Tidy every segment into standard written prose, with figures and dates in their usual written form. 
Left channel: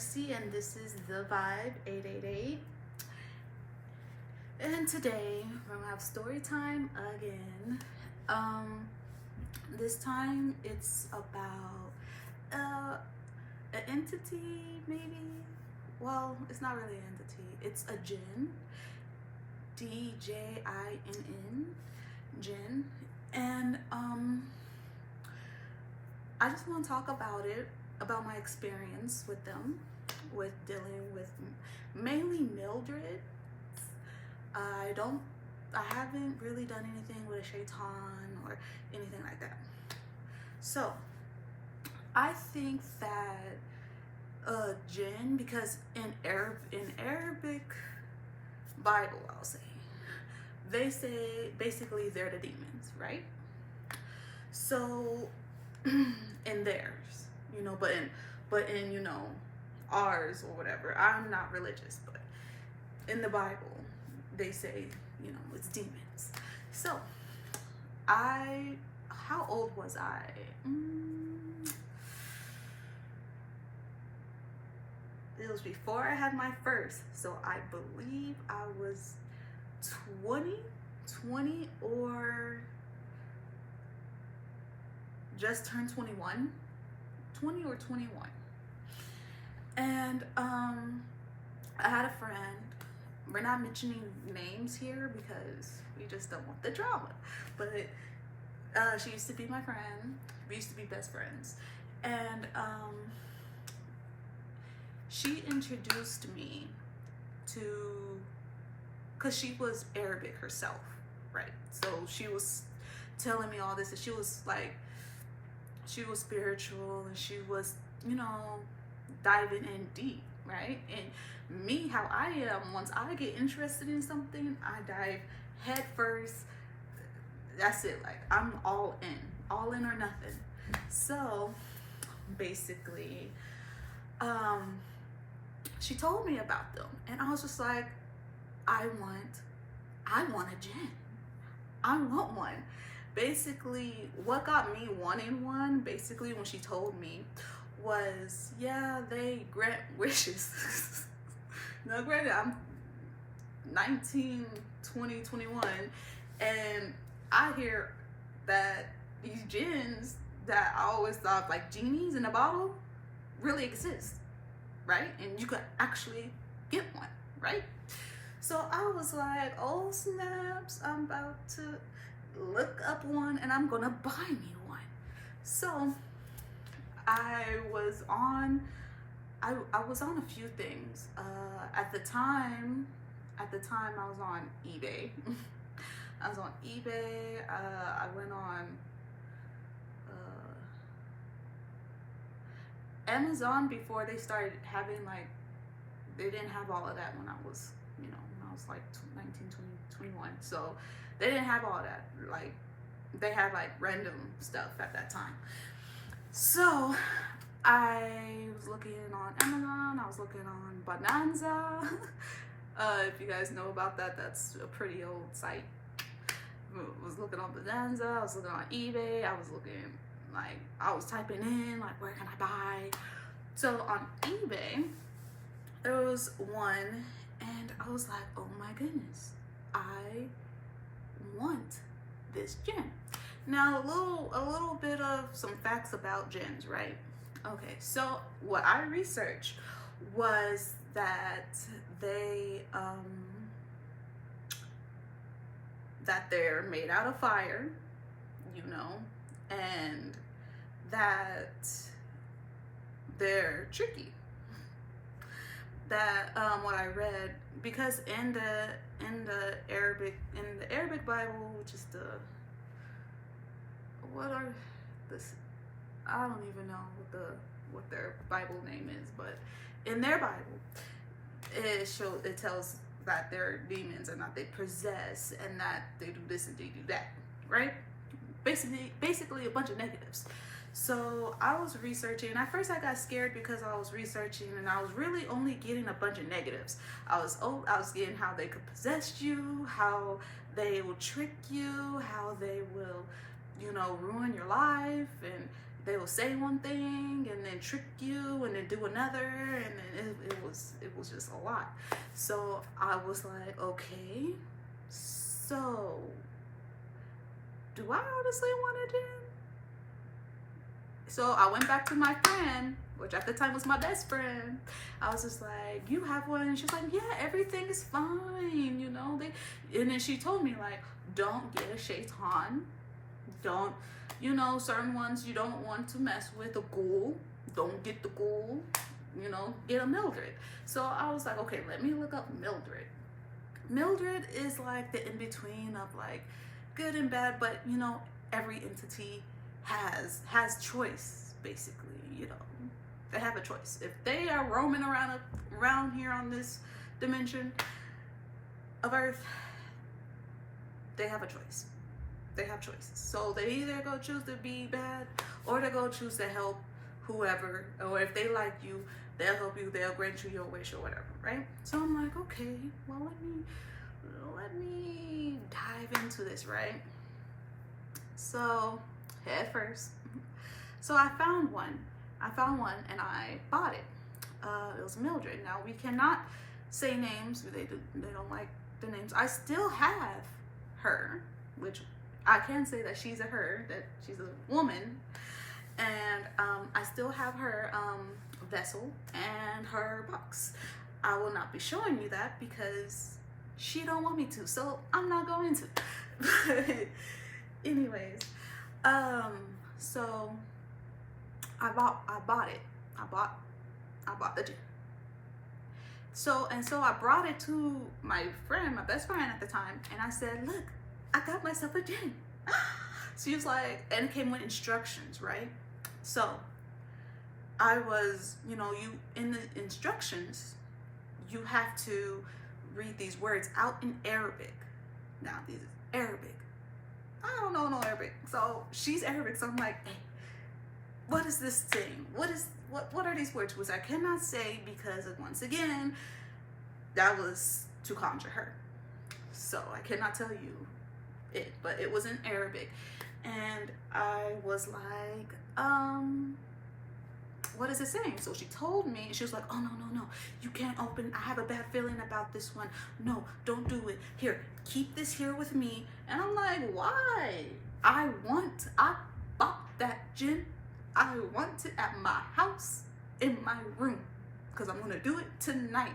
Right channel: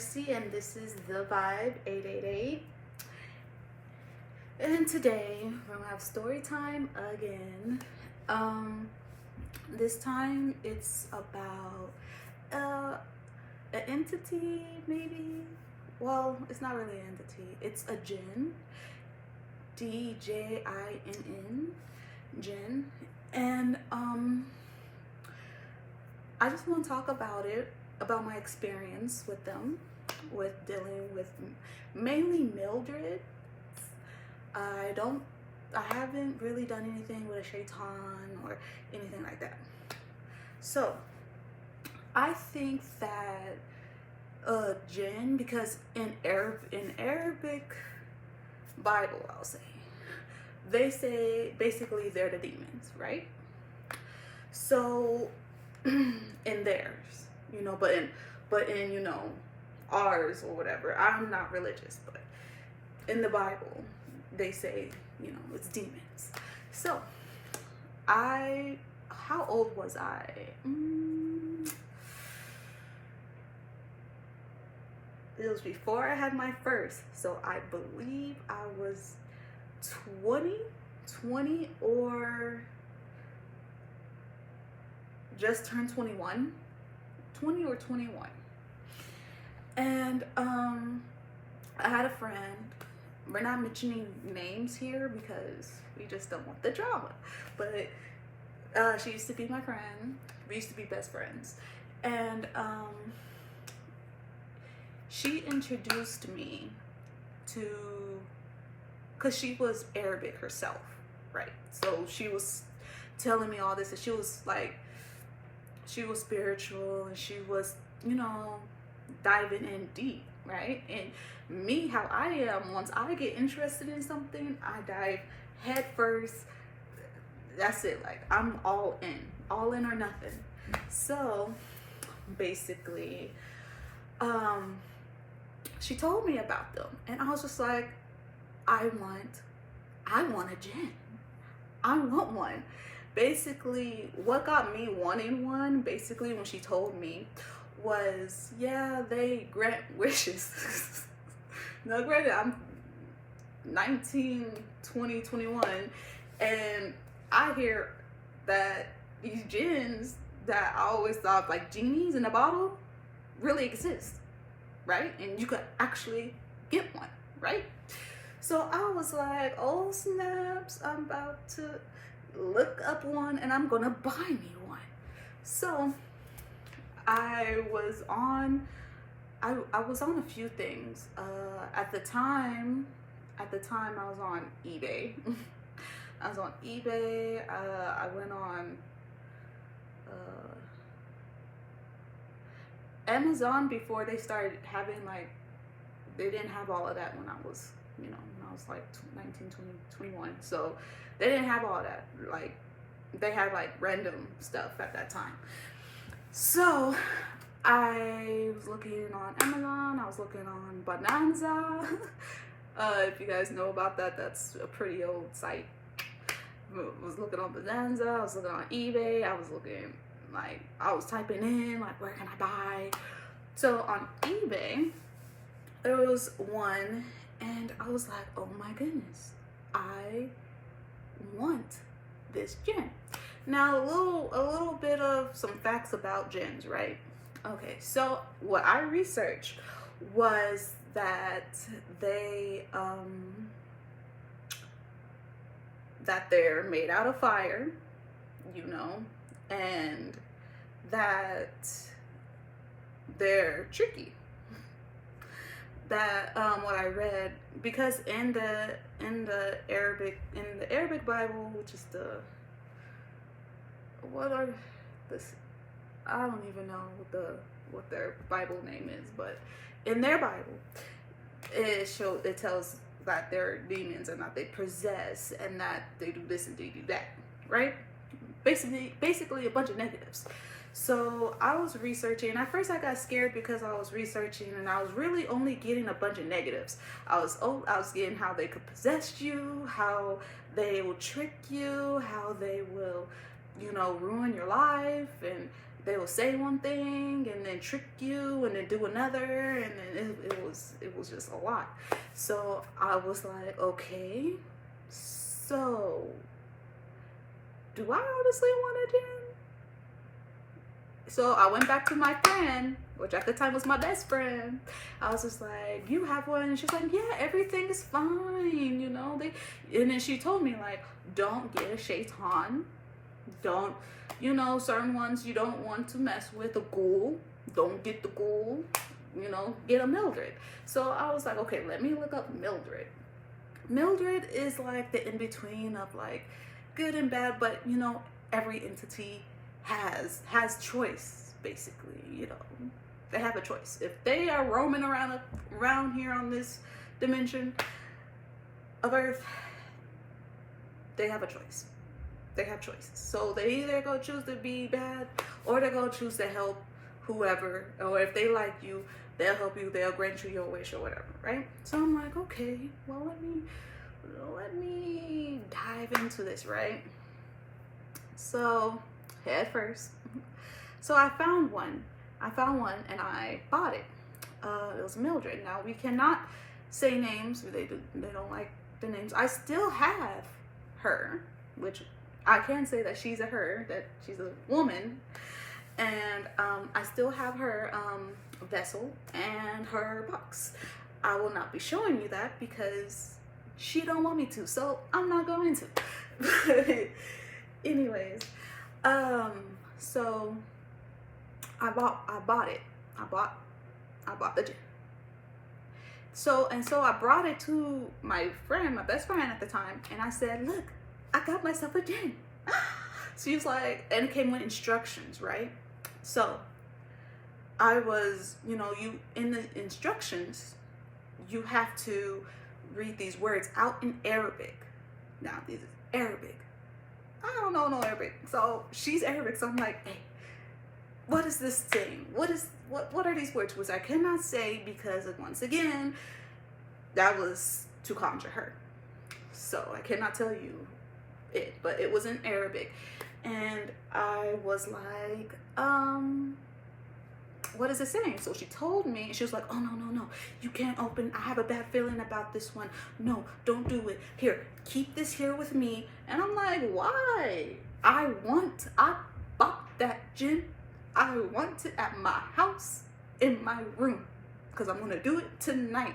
Mercy, and this is The Vibe 888. And today we're gonna have story time again. This time it's about an entity, maybe. Well, it's not really an entity. It's a djinn. D-J-I-N-N, djinn. And I just want to talk about about my experience with them, with dealing with mainly Mildred. I haven't really done anything with a shaitan or anything like that. So I think that djinn, because in Arabic Bible, I'll say, they say basically they're the demons, right? So in theirs, but in ours or whatever. I'm not religious, but in the Bible they say it's demons. So how old was I? It was before I had my first, so I believe I was 20 or just turned 21, 20 or 21. And I had a friend. We're not mentioning names here because we just don't want the drama. But she used to be my friend. We used to be best friends. And she introduced me to, because she was Arabic herself, right? So she was telling me all this, and she was spiritual, and she was, diving in deep, right? And me, how I am, once I get interested in something, I dive head first. That's it. Like, I'm all in or nothing. So basically, she told me about them, and I was just like, I want a djinn. I want one. Basically, what got me wanting one, basically, when she told me, was, yeah, they grant wishes. Now, granted, I'm 19, 20, 21, and I hear that these djinns that I always thought, like genies in a bottle, really exist, right? And you could actually get one, right? So I was like, oh snaps, I'm about to look up one and I'm gonna buy me one. So I was on a few things. At the time I was on eBay. I was on eBay. I went on Amazon before they started having, they didn't have all of that when I was, when I was like 19, 20, 21. So they didn't have all that. Like, they had random stuff at that time. So I was looking on Amazon. I was looking on Bonanza. If you guys know about that, that's a pretty old site. I was looking on Bonanza. I was looking on eBay. I was looking, I was typing in, where can I buy? So on eBay, there was one, and I was like, oh my goodness, I want this djinn. Now, a little bit of some facts about djinns, right? Okay, so what I researched was that they're made out of fire, and that they're tricky. That what I read, because in the Arabic Bible, which is I don't even know what their Bible name is, but in their Bible, it tells that they're demons and that they possess and that they do this and they do that, right? Basically a bunch of negatives. So I was researching. At first I got scared because I was researching and I was really only getting a bunch of negatives. I was getting how they could possess you, how they will trick you, how they will, ruin your life, and they will say one thing and then trick you and then do another, and then it was just a lot. So I was like, okay, so do I honestly want a djinn? So I went back to my friend, which at the time was my best friend. I was just like, you have one? And she's like, yeah, everything is fine, you know. And then she told me, like, don't get a shaitan. Don't, you know, certain ones you don't want to mess with. A ghoul, don't get the ghoul, you know, get a Mildred. So I was like, okay, let me look up Mildred. Mildred is like the in-between of like good and bad, but you know, every entity has choice, basically, you know. They have a choice. If they are roaming around here on this dimension of Earth, they have a choice. They have choices. So they either go choose to be bad, or they go choose to help whoever, or if they like you, they'll help you, they'll grant you your wish or whatever, right? So I'm like, okay, well, let me dive into this, right? So head first. So I found one and I bought it. It was Mildred. Now we cannot say names. They don't like the names. I still have her, which I can say that she's a her, that she's a woman, and I still have her vessel and her box. I will not be showing you that because she don't want me to, so I'm not going to. Anyways, so I bought it. I bought the djinn. So I brought it to my friend, my best friend at the time, and I said, look, I got myself a djinn. She was like, and it came with instructions, right? So I was, you know, you in the instructions, you have to read these words out in Arabic. Now, this is Arabic. I don't know no Arabic. So she's Arabic, so I'm like, hey, what is this thing? What are these words? Which I cannot say because, once again, that was to conjure her. So I cannot tell you it, but it was in Arabic. And I was like, what is it saying? So she told me, she was like, oh, no, you can't open, I have a bad feeling about this one. No, don't do it. Here, keep this here with me. And I'm like, why? I bought that djinn. I want it at my house, in my room, because I'm going to do it tonight.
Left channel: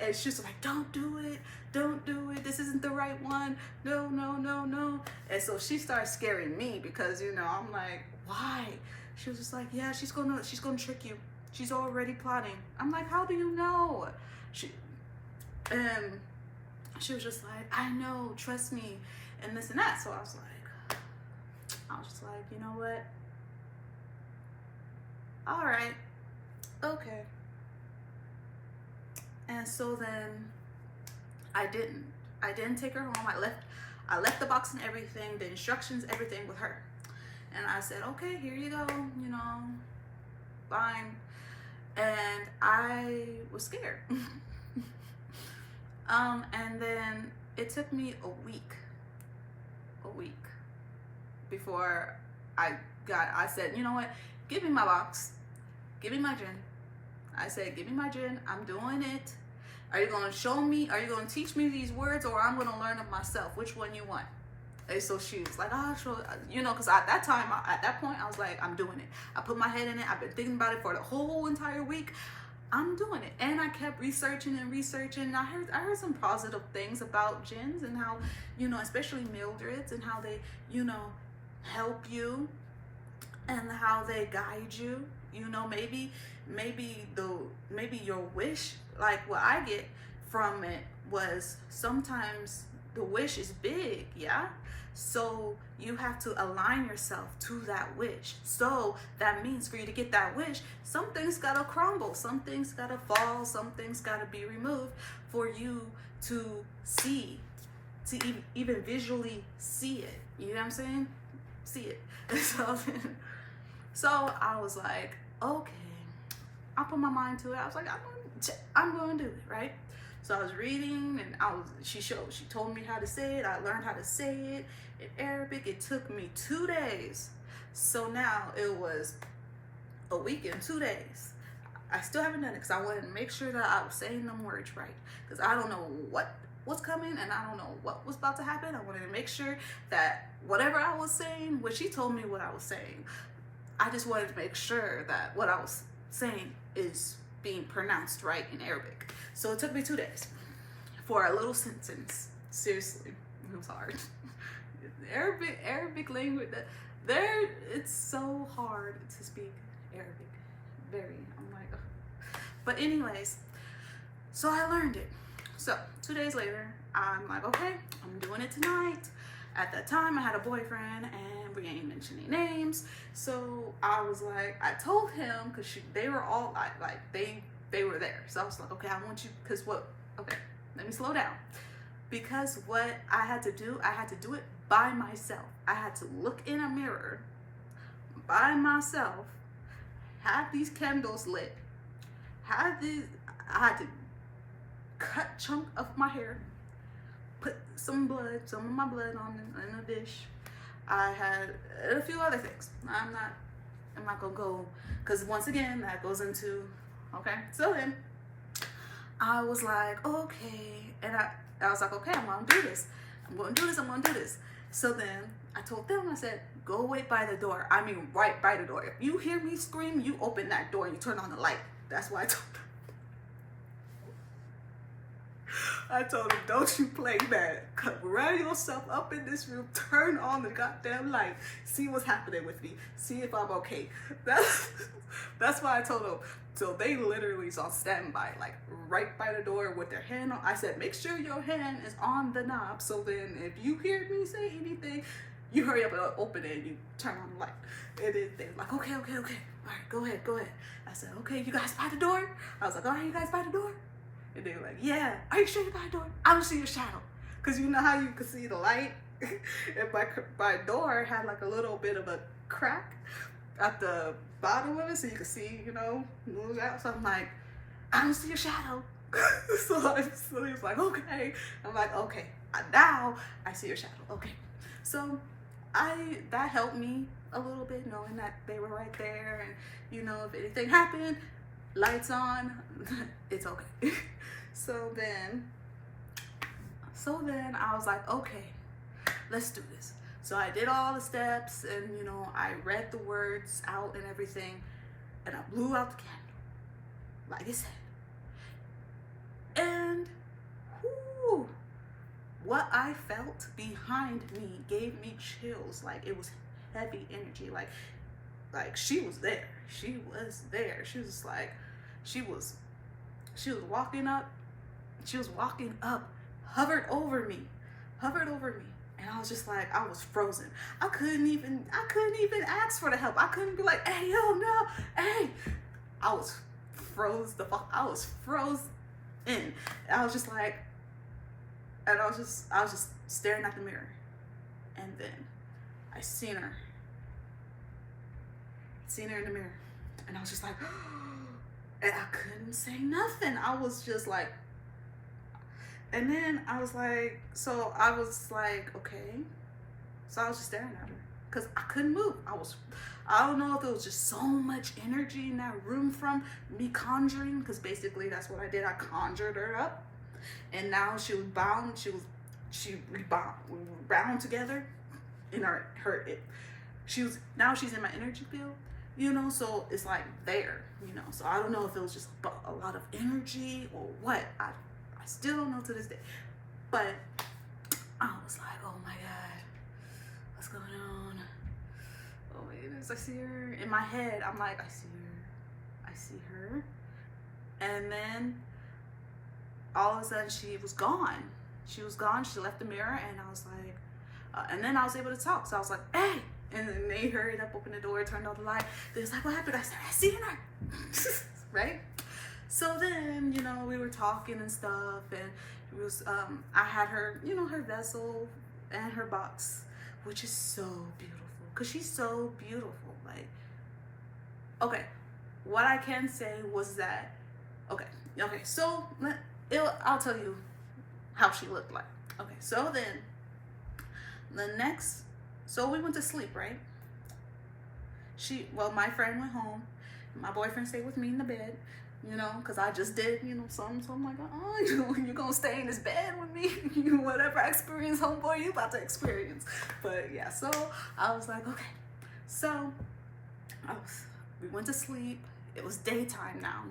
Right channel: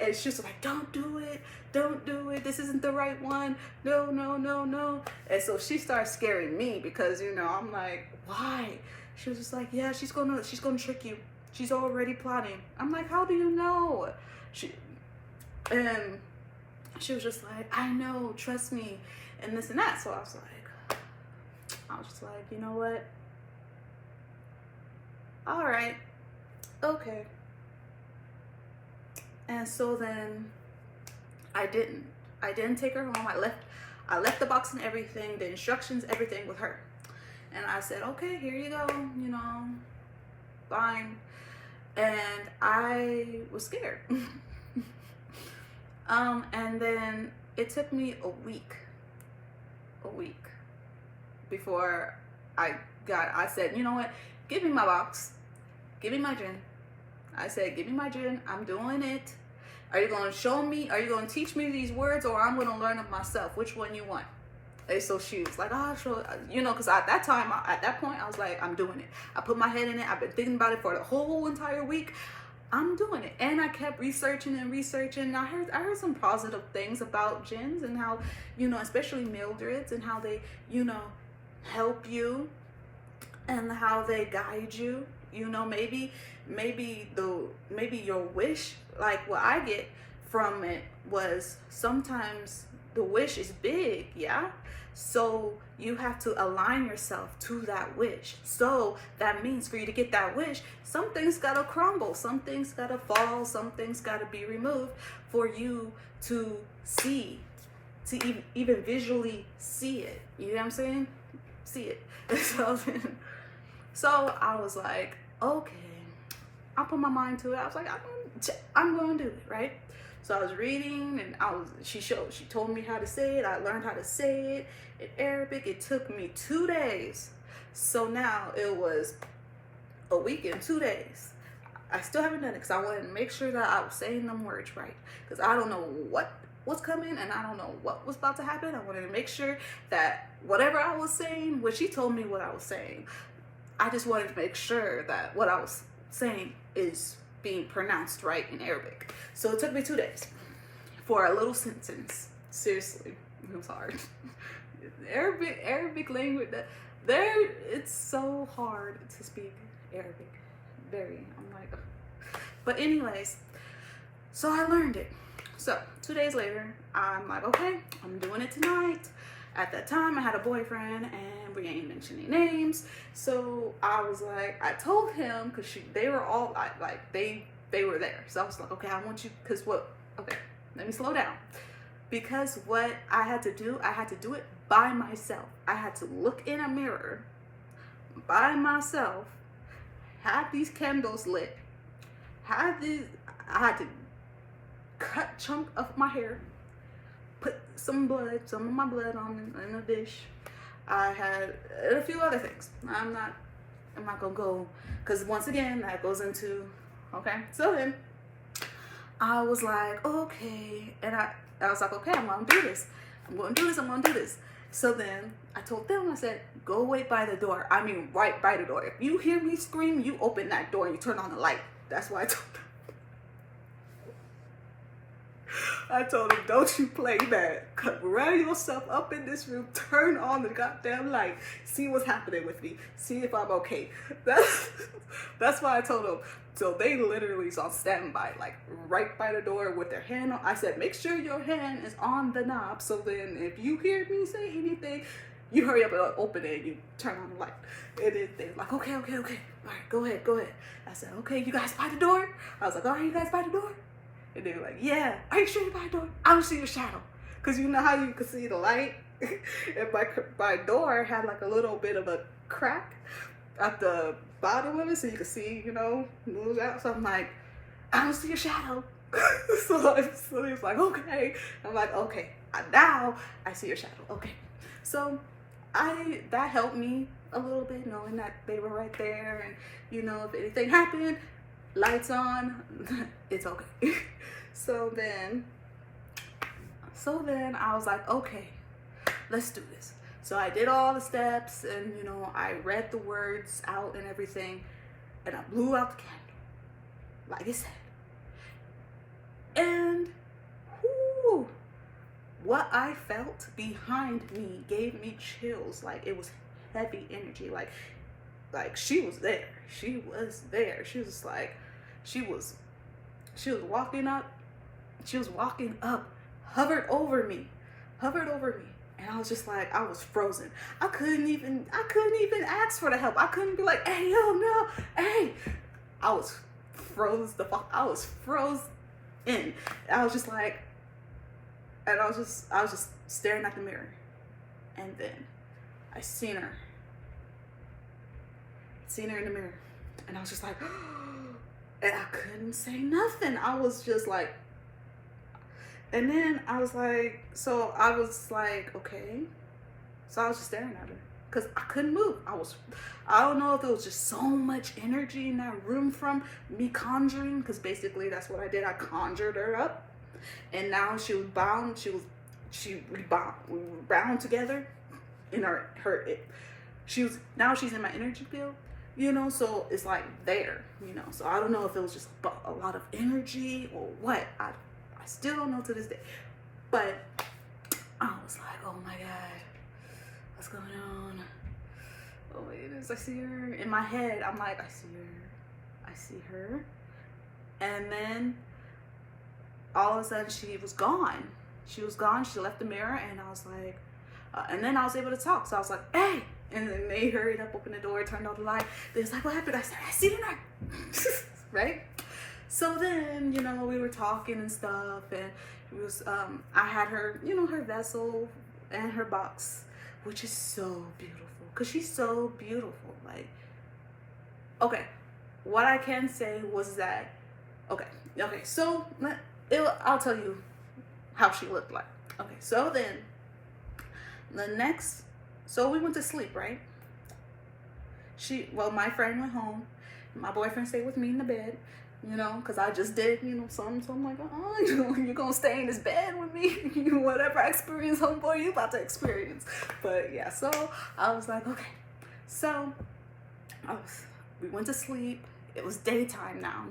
And she's like, don't do it. This isn't the right one. No. And so she starts scaring me because, you know, I'm like, why? She was just like, yeah, she's gonna trick you. She's already plotting. I'm like, how do you know? She was just like, I know, trust me, and this and that. So I was just like, you know what? All right, okay. And so then I didn't take her home. I left the box and everything, the instructions, everything with her. And I said, okay, here you go, you know, fine. And I was scared. And then it took me a week before I said, you know what, give me my box, give me my djinn. I said, give me my djinn, I'm doing it. Are you going to show me, are you going to teach me these words, or I'm going to learn them myself? Which one you want? And so she was like, oh, show, you know, because at that point, I was like, I'm doing it. I put my head in it. I've been thinking about it for the whole entire week. I'm doing it. And I kept researching. And I heard some positive things about djinns and how, you know, especially Mildreds, and how they, you know, help you and how they guide you. You know, maybe your wish, like what I get from it was sometimes the wish is big, yeah? So you have to align yourself to that wish. So that means for you to get that wish, some things gotta crumble, some things gotta fall, some things gotta be removed for you to see, to even visually see it. You know what I'm saying? See it. So I was like, okay. I put my mind to it. I was like, I'm going to do it, right? So I was reading, and she told me how to say it. I learned how to say it in Arabic. It took me 2 days So now it was a week and 2 days. I still haven't done it because I wanted to make sure that I was saying them words right. Because I don't know what was coming and I don't know what was about to happen. I wanted to make sure that whatever I was saying, which he told me what I was saying, I just wanted to make sure that what I was saying is being pronounced right in Arabic. So it took me 2 days for a little sentence. Seriously, it was hard. Arabic language, it's so hard to speak Arabic. Very, I'm like, ugh. But anyways, so I learned it. So 2 days later, I'm like, okay, I'm doing it tonight. At that time, I had a boyfriend, and we ain't mentioning names. So I was like, I told him, because they were all like they were there. So I was like, okay, I want you, because what? Okay, let me slow down. Because what I had to do it by myself. I had to look in a mirror by myself, have these candles lit, I had to cut chunk of my hair, put some of my blood on in a dish. I had a few other things. I'm not gonna go, because once again, that goes into, okay. So then I was like, okay, and I was like, okay, I'm gonna do this. I'm gonna do this. So then I told them, I said, go wait by the door. I mean, right by the door. If you hear me scream, you open that door and you turn on the light. That's why I told them. I told him, don't you play that. Run yourself up in this room, turn on the goddamn light, see what's happening with me, see if I'm okay. That's why I told him. So they literally was on standby, like right by the door with their hand on. I said, make sure your hand is on the knob, so then if you hear me say anything, you hurry up and open it and you turn on the light. And then they're like, okay. All right, go ahead. I said, okay, you guys by the door? I was like, all right, you guys by the door? And they were like, yeah. Are you sure you're by the door? I don't see your shadow. Because you know how you could see the light? And my door had like a little bit of a crack at the bottom of it, so you could see, move out. So I'm like, I don't see your shadow. So he's like, okay. I'm like, okay, now I see your shadow. Okay. So that helped me a little bit, knowing that they were right there, and if anything happened, lights on, it's okay. So then I was like, okay, let's do this. So I did all the steps, and I read the words out and everything, and I blew out the candle, like I said. And what I felt behind me gave me chills. Like, it was heavy energy. Like she was there. She was there. She was like, she was walking up. She was walking up, hovered over me. And I was just like, I was frozen. I couldn't even ask for the help. I couldn't be like, hey, yo, no, hey. I was frozen. I was frozen. And I was just like, and I was just staring at the mirror. And then I seen her in the mirror. And I was just like, and I couldn't say nothing. I was just like, and then I was like, okay. So I was just staring at her because I couldn't move. I don't know if it was just so much energy in that room from me conjuring, because basically that's what I did. I conjured her up, and now she was bound. We were bound together in now she's in my energy field, so it's like there, so I don't know if it was just a lot of energy or what. I still don't know to this day, but I was like, oh my God, what's going on? Oh my goodness, I see her in my head. I'm like, I see her, and then all of a sudden she was gone. She left the mirror, and I was like, and then I was able to talk. So I was like, hey, and then they hurried up, opened the door, turned on the light. They was like, what happened? I said, I seen her. Right? So then, we were talking and stuff, and it was, I had her, her vessel and her box, which is so beautiful, because she's so beautiful. Like, okay, what I can say was that, okay, so I'll tell you how she looked like. Okay, so then, so we went to sleep, right? My friend went home. My boyfriend stayed with me in the bed, because I just did, something. So I'm like, you're going to stay in this bed with me? Whatever I experience, homeboy, you about to experience. But yeah, so I was like, okay. So we went to sleep. It was daytime now.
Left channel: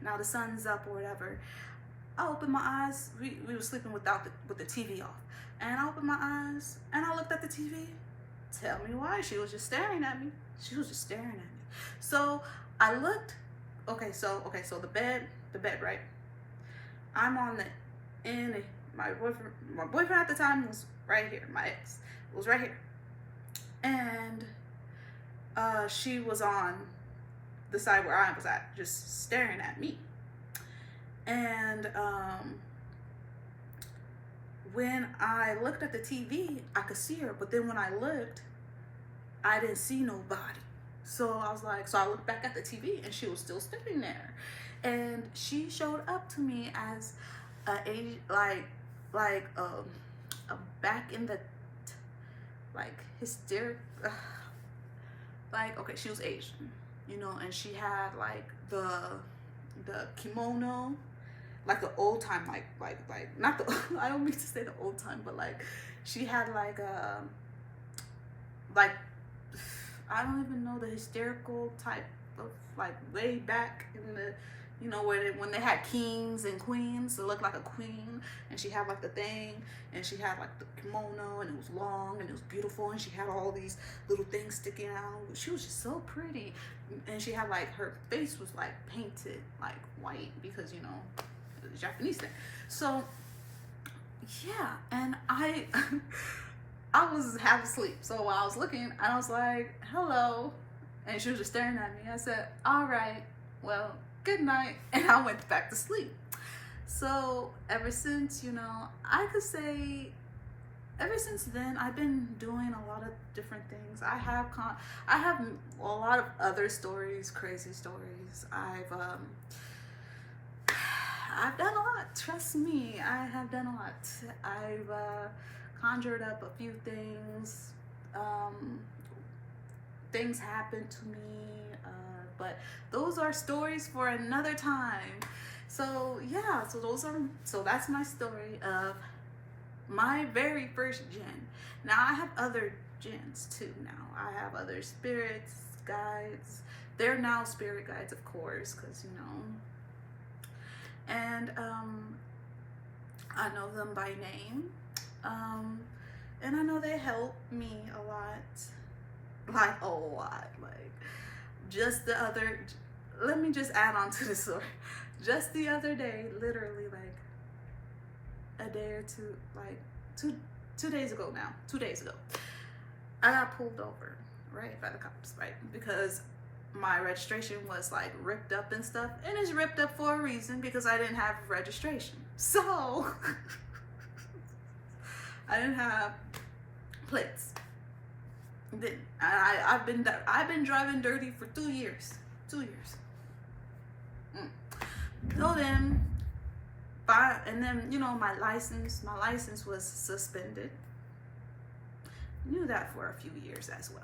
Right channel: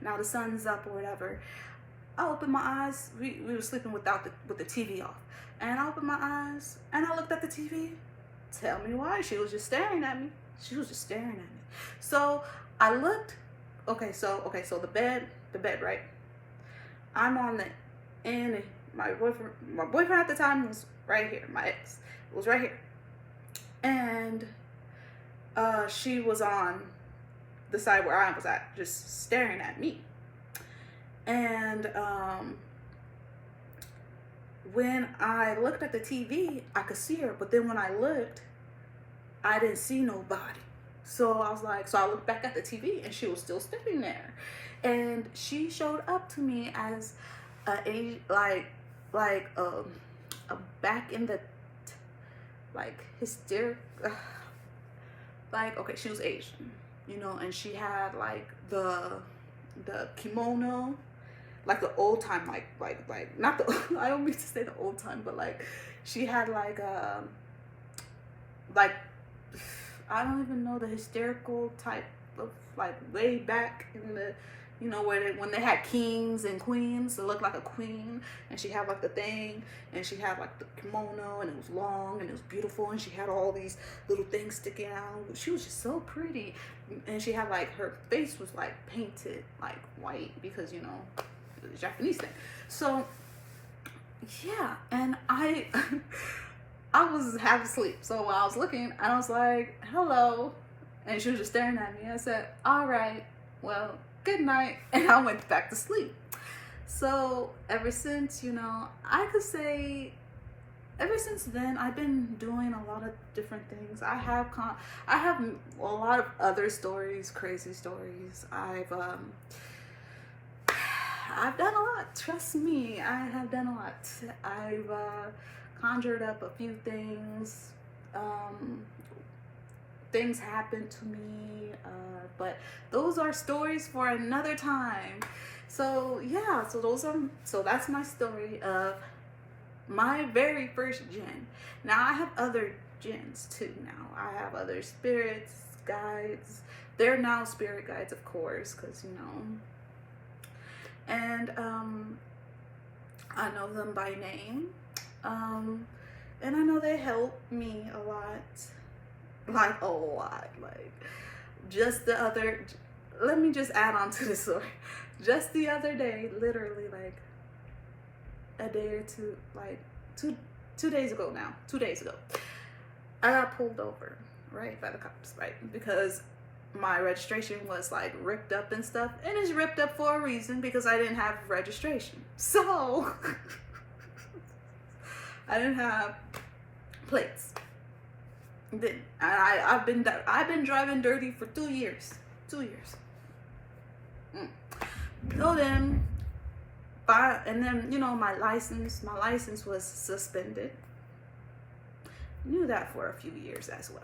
Now the sun's up or whatever. I opened my eyes. We were sleeping with the TV off. And I opened my eyes and I looked at the TV. Tell me why. She was just staring at me. So I looked. Okay, so the bed, right? I'm on the end. My boyfriend at the time was right here. My ex was right here. And she was on the side where I was at, just staring at me. And when I looked at the TV, I could see her, but then when I looked, I didn't see nobody. So I was like, so I looked back at the TV, and she was still standing there, and she showed up to me as a back in the hysteric, okay, she was Asian, and she had the kimono, the old time, not the, I don't mean to say the old time, but she had I don't even know, the hysterical type of way back in the, when they had kings and queens, it looked like a queen, and she had the thing, and she had the kimono, and it was long, and it was beautiful, and she had all these little things sticking out. She was just so pretty, and she had her face was painted white, because the Japanese thing. So yeah, and I I was half asleep. So while I was looking, I was like, hello. And she was just staring at me. I said, all right, well, good night. And I went back to sleep. So ever since, I could say, ever since then, I've been doing a lot of different things. I have a lot of other stories, crazy stories. I've done a lot. Trust me, I have done a lot. I've conjured up a few things. Things happened to me, but those are stories for another time. So yeah, so that's my story of my very first djinn. Now I have other djinns too. Now I have other spirits, guides. They're now spirit guides, of course, because and I know them by name, and I know they help me a lot. Just the other, let me just add on to this story. Just the other day, literally a day or two, 2 days ago now, 2 days ago, I got pulled over, right, by the cops, right, because my registration was ripped up and stuff, and it's ripped up for a reason, because I didn't have registration. So I didn't have plates. I've been driving dirty for 2 years. 2 years. So then, and then my license was suspended. Knew that for a few years as well.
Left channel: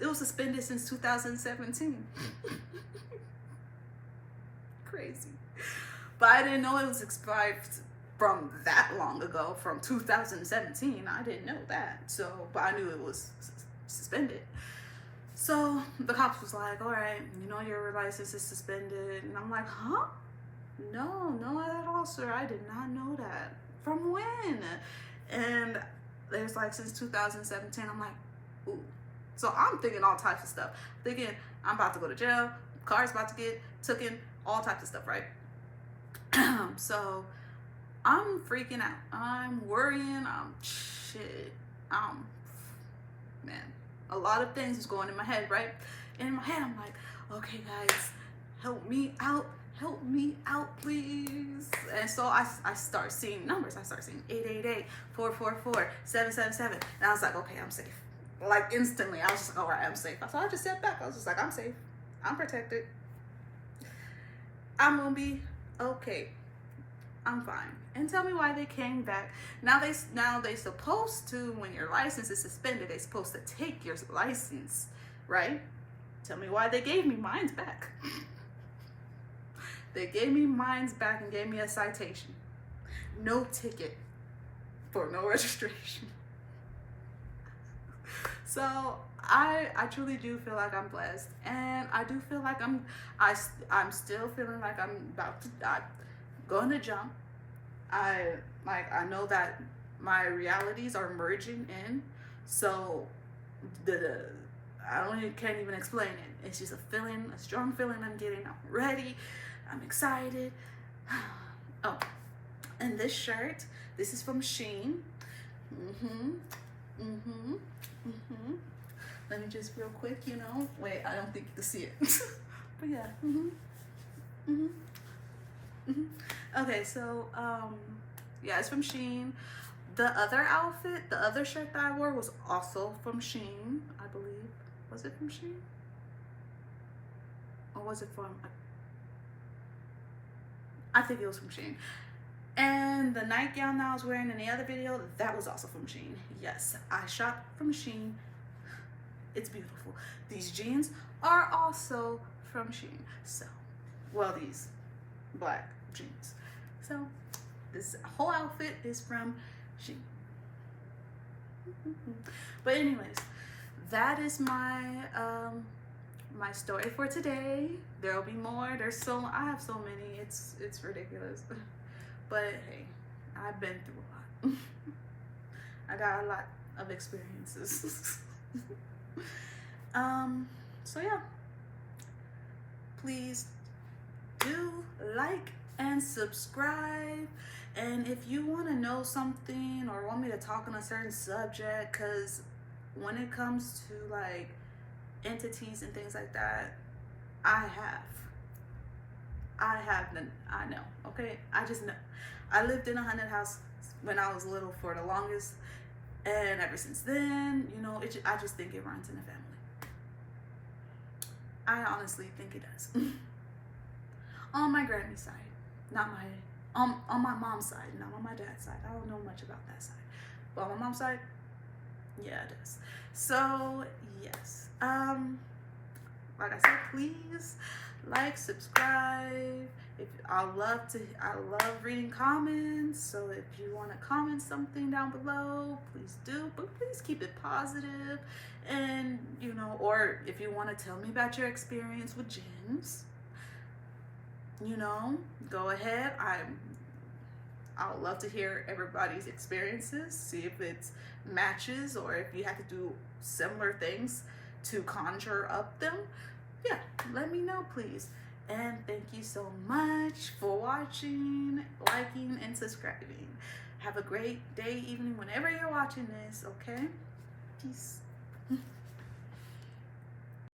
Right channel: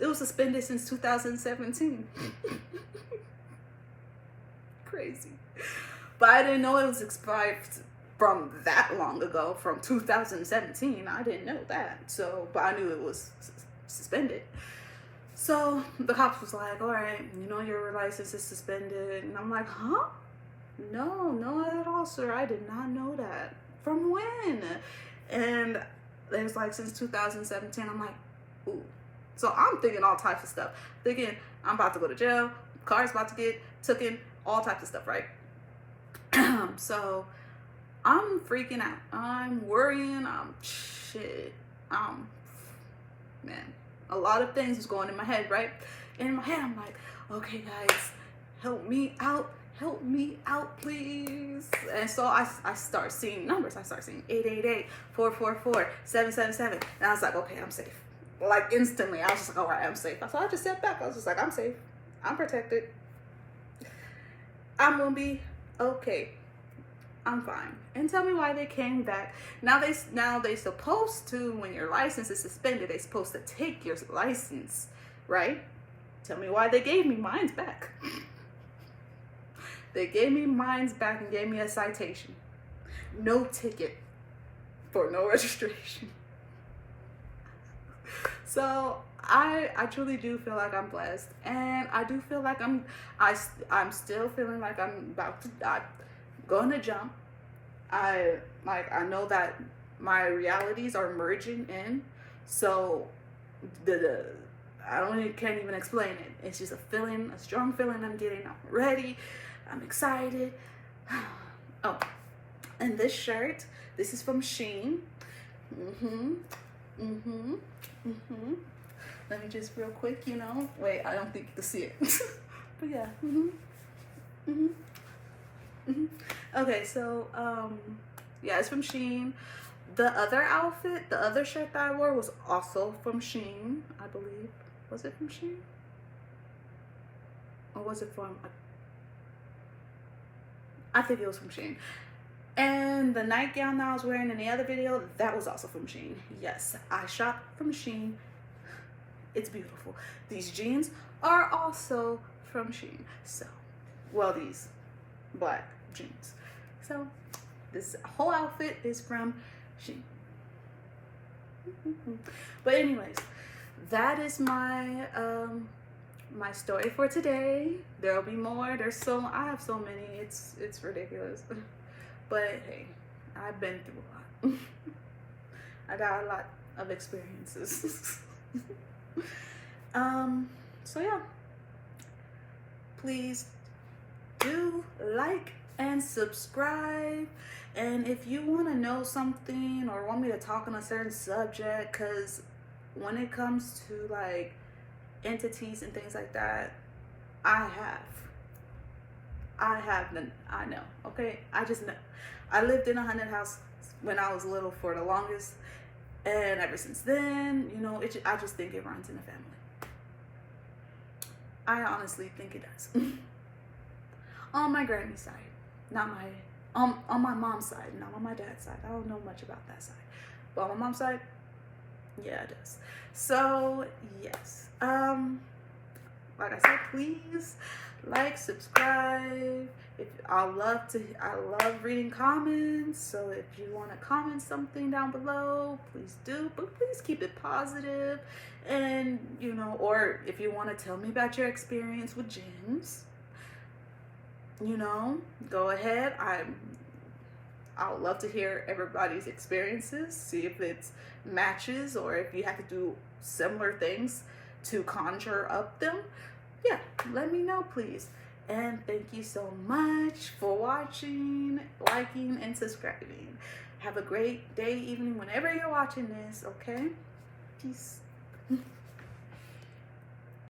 It was suspended since 2017. Crazy. But I didn't know it was expired from that long ago, from 2017. I didn't know that. So, but I knew it was suspended. So the cops was like, all right, your license is suspended. And I'm like, huh? No, not at all, sir. I did not know that. From when? And it was since 2017. I'm like, ooh. So I'm thinking all types of stuff. Thinking I'm about to go to jail, car's about to get taken, all types of stuff, right? So I'm freaking out. I'm worrying. Man, a lot of things was going in my head, right? And in my head, I'm like, okay, guys, help me out, please. And so I start seeing numbers. I start seeing 888, 444, 777. And I was like, okay, I'm safe. Instantly, I was just like, all right, I'm safe. So I just sat back. I was just like, I'm safe. I'm protected. I'm going to be okay. I'm fine. And tell me why they came back. Now they supposed to, when your license is suspended, they supposed to take your license right? Tell me why they gave me mine's back. They gave me mine's back and gave me a citation. No ticket for no registration. So I truly do feel like I'm blessed, and I do feel like I'm still feeling like I'm about to die, going to jump. I know that my realities are merging in, so can't even explain it. It's just a feeling, a strong feeling I'm getting. I'm ready. I'm excited. Oh, and this shirt, this is from Shein. Let me just real quick, wait, I don't think you can see it. But yeah. Okay, so yeah, it's from Shein. The other outfit, the other shirt that I wore was also from Shein, I believe. Was it from Shein? Or was it from, I think it was from Shein. And the nightgown that I was wearing in the other video, that was also from Shein. Yes, I shop from Shein. It's beautiful. These jeans are also from Shein. So, well, these black jeans. So, this whole outfit is from Shein. But anyways, that is my my story for today. There'll be more. I have so many. It's ridiculous. But hey, I've been through a lot. I got a lot of experiences. So yeah, please do like and subscribe. And if you want to know something or want me to talk on a certain subject, because when it comes to like entities and things like that, I know, okay? I just know. I lived in a haunted house when I was little for the longest, and ever since then, I just think it runs in the family. I honestly think it does. On my granny's side, not my, on my mom's side, not on my dad's side. I don't know much about that side, but on my mom's side, yeah, it does. So yes, like I said, please like, subscribe. I love reading comments. So if you want to comment something down below, please do. But please keep it positive. And or if you want to tell me about your experience with jinns, go ahead. I would love to hear everybody's experiences. See if it's matches or if you have to do similar things to conjure up them. Yeah, let me know, please. And thank you so much for watching, liking, and subscribing. Have a great day, evening, whenever you're watching this, okay? Peace.